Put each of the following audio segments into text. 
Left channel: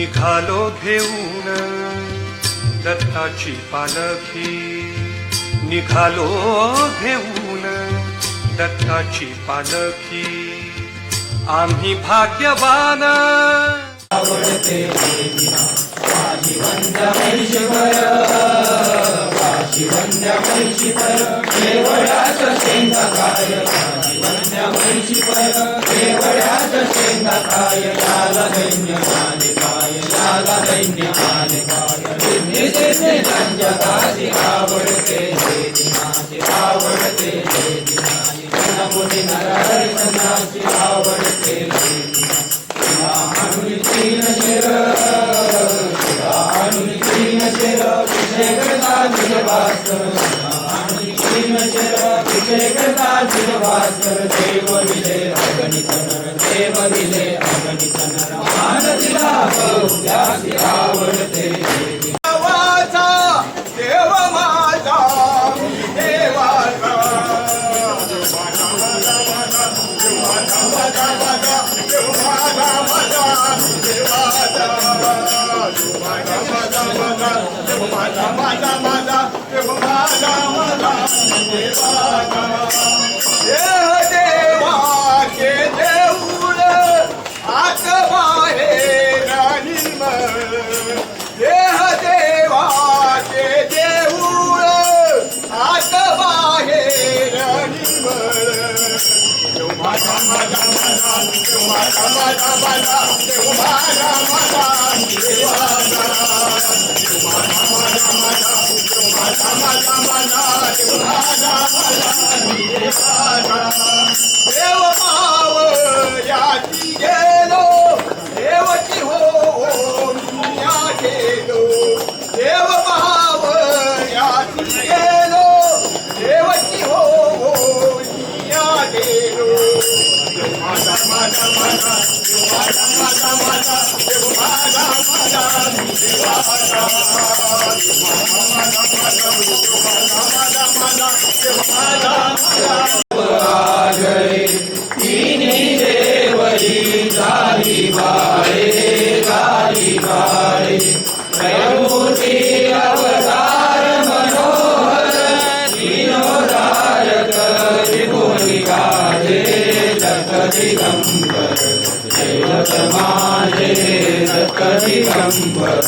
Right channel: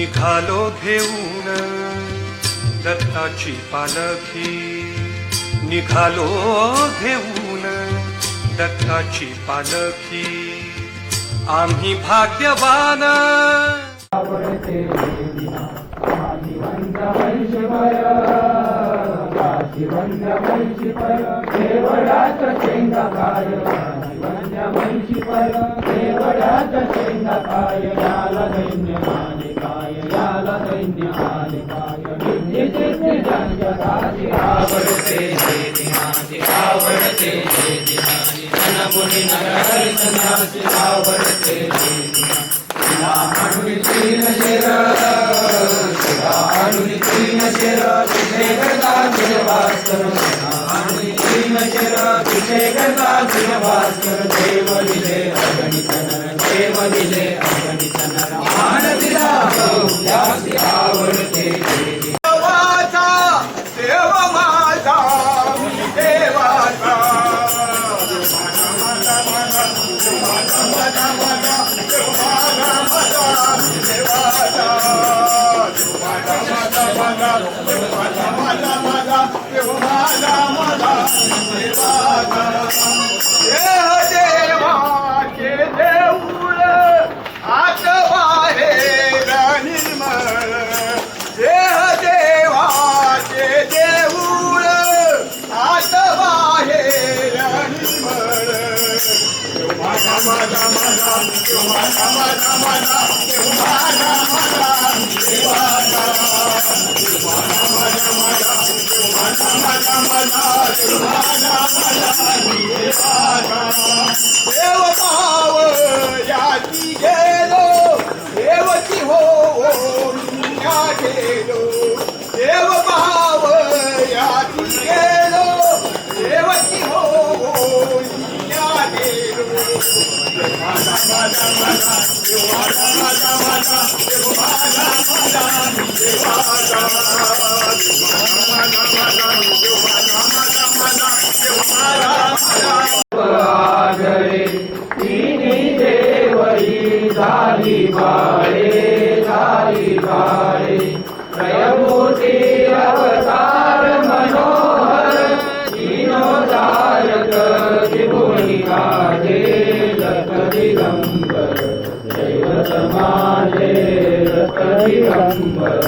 निघालो घेऊन दत्ताची पालखी, निघालो घेऊन दत्ताची पालखी, आम्ही भाग्यवान. आवडते माझी वंद्या महिषीवर, माझी वंद्या महिषीवर, केवळ्याच शेंगा काय, माझी वंद्या महिषीवर, केवळ्याच शेंगा काय, याला दैन्य आले काय, याला दैन्य आले काय, दिसे जगाची आवडते दिनाची, आवडते दिनाची, गणपती नरहरी आवडते आणून तीन शेर, आणून तीन शेर, पिशेकरता भास्कर, आणून तीन शेर, पिशेकरता भास्कर, देव दिले अगणित नर, देव दिले अगणित नर, मान दिला बहुल्याची आवडते देवाचा, देव माझा देवाचा, देवाचे देऊळ आत बाहेर निर्मळ, देह देवाचे देऊळ आत बाहेर निर्मळ, माझा माझा माझा माझा माझा माझा देव माझा माझा देवाचा, माझा माझा माझा माझा माझा माझा देव माझा माझा देवाचा, देव भाव याची गेलो, देवची हो मिया गेलो, देव भाव याची गेलो, देवची हो मिया गेलो, माझा माझा माझा देव माझा माझा माझा देव माझा माझा देवाचा, माझा माझा माझा देव माझा माझा माझा देव माझा माझा. तिन्ही देवई झाली बाळे, झाली बाळे, त्रयमूर्ती अवतार मनोहर, विनोदायक त्रिभुवनी गाजे, दत्त दिगंबर दैवत माझे, दत्त दिगंबर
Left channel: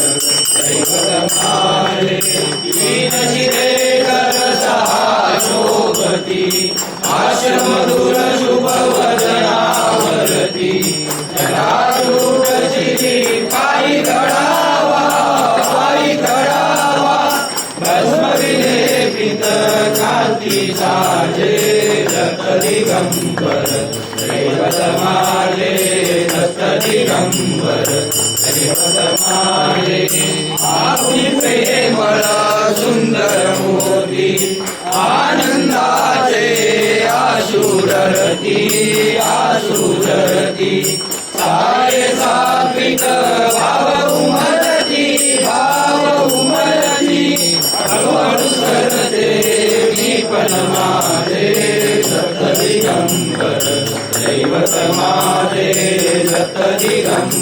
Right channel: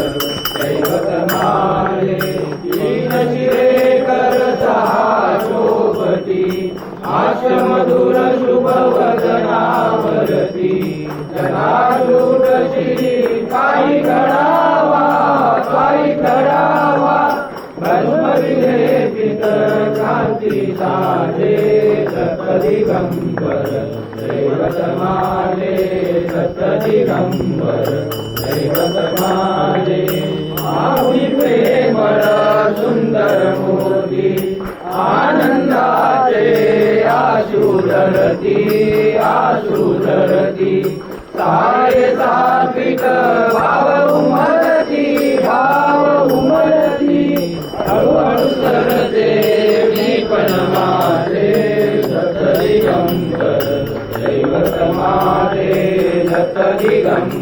दैवत माझे, तीन शिरे कर सहा शोभती, आश मधुर शुभ वदनावरती, जनारूढ शिरी पायी घडावा, पायी घडावा, भस्म विलेपित कांती साजे, दत्त दिगंबर दैवत माझे, दत्त दिगंबर दैवत माझे, आपुनी प्रेमळ सुंदर मोती, आनंदाचे आशुरती, आशुरती, सारे सात्विक भाव उमलती, भाव उमलती, हळूहळू सरते मी पण माझे, दत्त दिगंबर दैवत माझे, दत्त दिगंबर.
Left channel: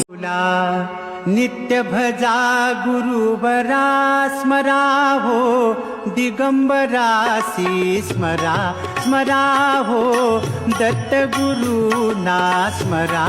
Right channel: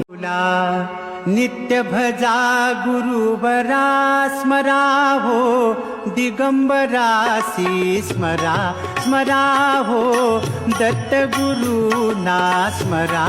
नित्य भजा गुरुबरा स्मरा हो, दिगंबरासी स्मरा, स्मरा हो, दत्त गुरु ना स्मरा.